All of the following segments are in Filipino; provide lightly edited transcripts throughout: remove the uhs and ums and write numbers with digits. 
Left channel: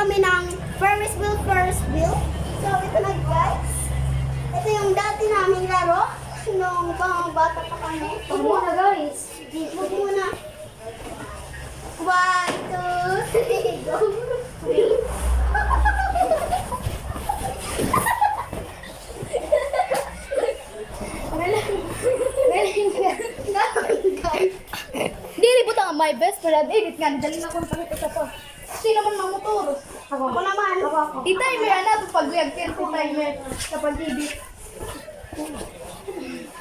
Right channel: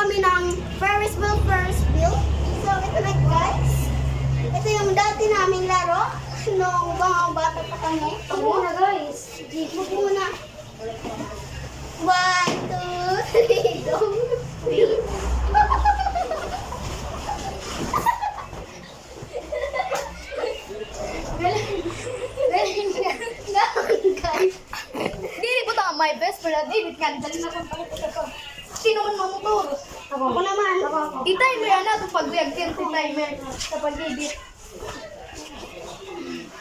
kami ng Ferris wheel. So, ito na guys. Ito yung dati naming laro nung mga bata pa kami. Huwag muna guys. Huwag muna. 1, 2, 3, go. Guys. Dili po ang my best friend. Edit nga, dali na kong pakita sa to. Sino man mamuturo? Ako naman. I-timer na ito pag guyag 30 timer sa pag-edit.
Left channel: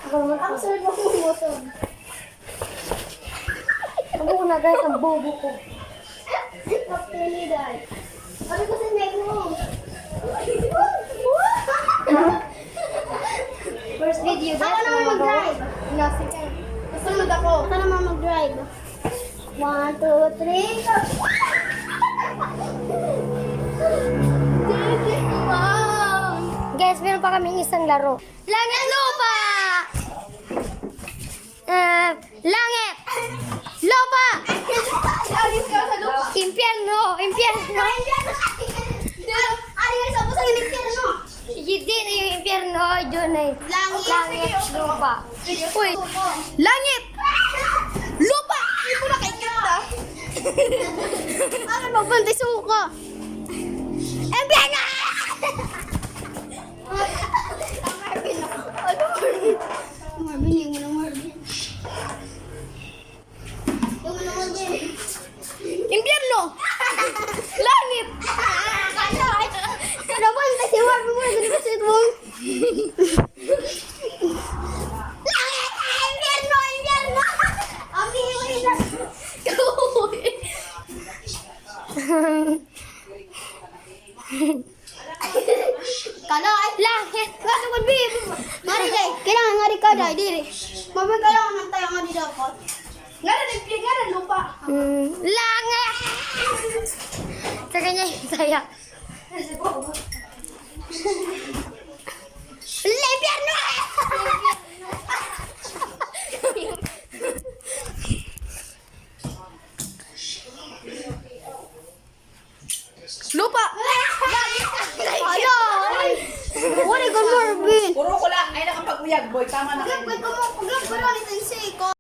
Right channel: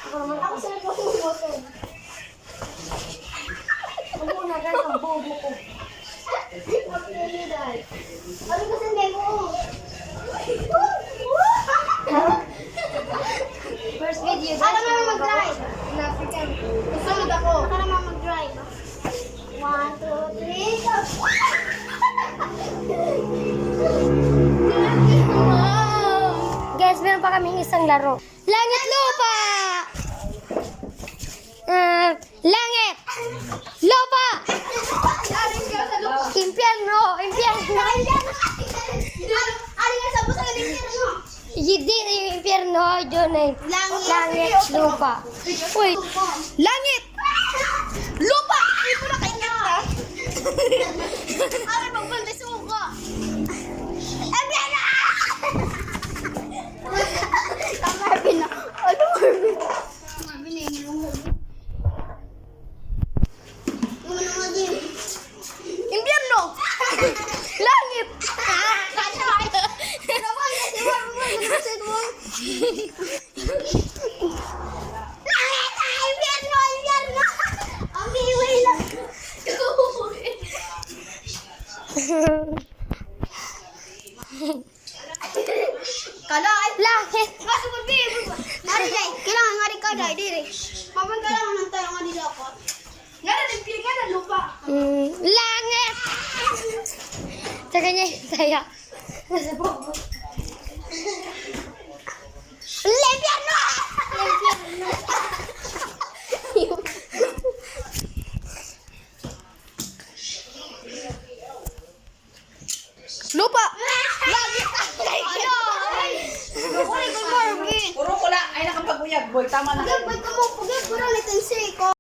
Ako naman. Ako sunod mo kung motor. Huwag muna guys, ang bobo ko. Okay, dahil. Ano kasi may buong? First video guys. Ako naman mag-drive. Second. Kasunod ako. Ako naman mag-drive. 1, 2, 3, go! Guys, meron pa kaming isang laro. Langit lupa! Langit! Lupa! Impyerno! Impyerno! Ano yung sabi sa impyerno? Hindi yung impyerno, yun ay langit lupa. Uy! Langit! Lupa! Hindi po nakikita. Ay, magbantay suka. Impyerno! Ang Marvin na. Ano Marvin? Marvin, yung mga Marvin. Yung mga Marvin. Impyerno! Langit! Naman kasi Marvin mo. Ginasit mo. Langit! Impyerno! Impyerno! Ang bihiwi lang. Kalay! Langit! Kasi mag-bihib. Mari kay, kailangan nga rin kalay, dire. Mami, kailangan ng tayo nga rin dapat. Nga na lupa. Langit! Sa kanya yung saya. Impyerno! Lupa! Ano? Uli ka, Marvin. Puro ko lang ay nakapag-uyag, boy. Tama na kayo. Pagod mo, pagod mo lang itin si ko.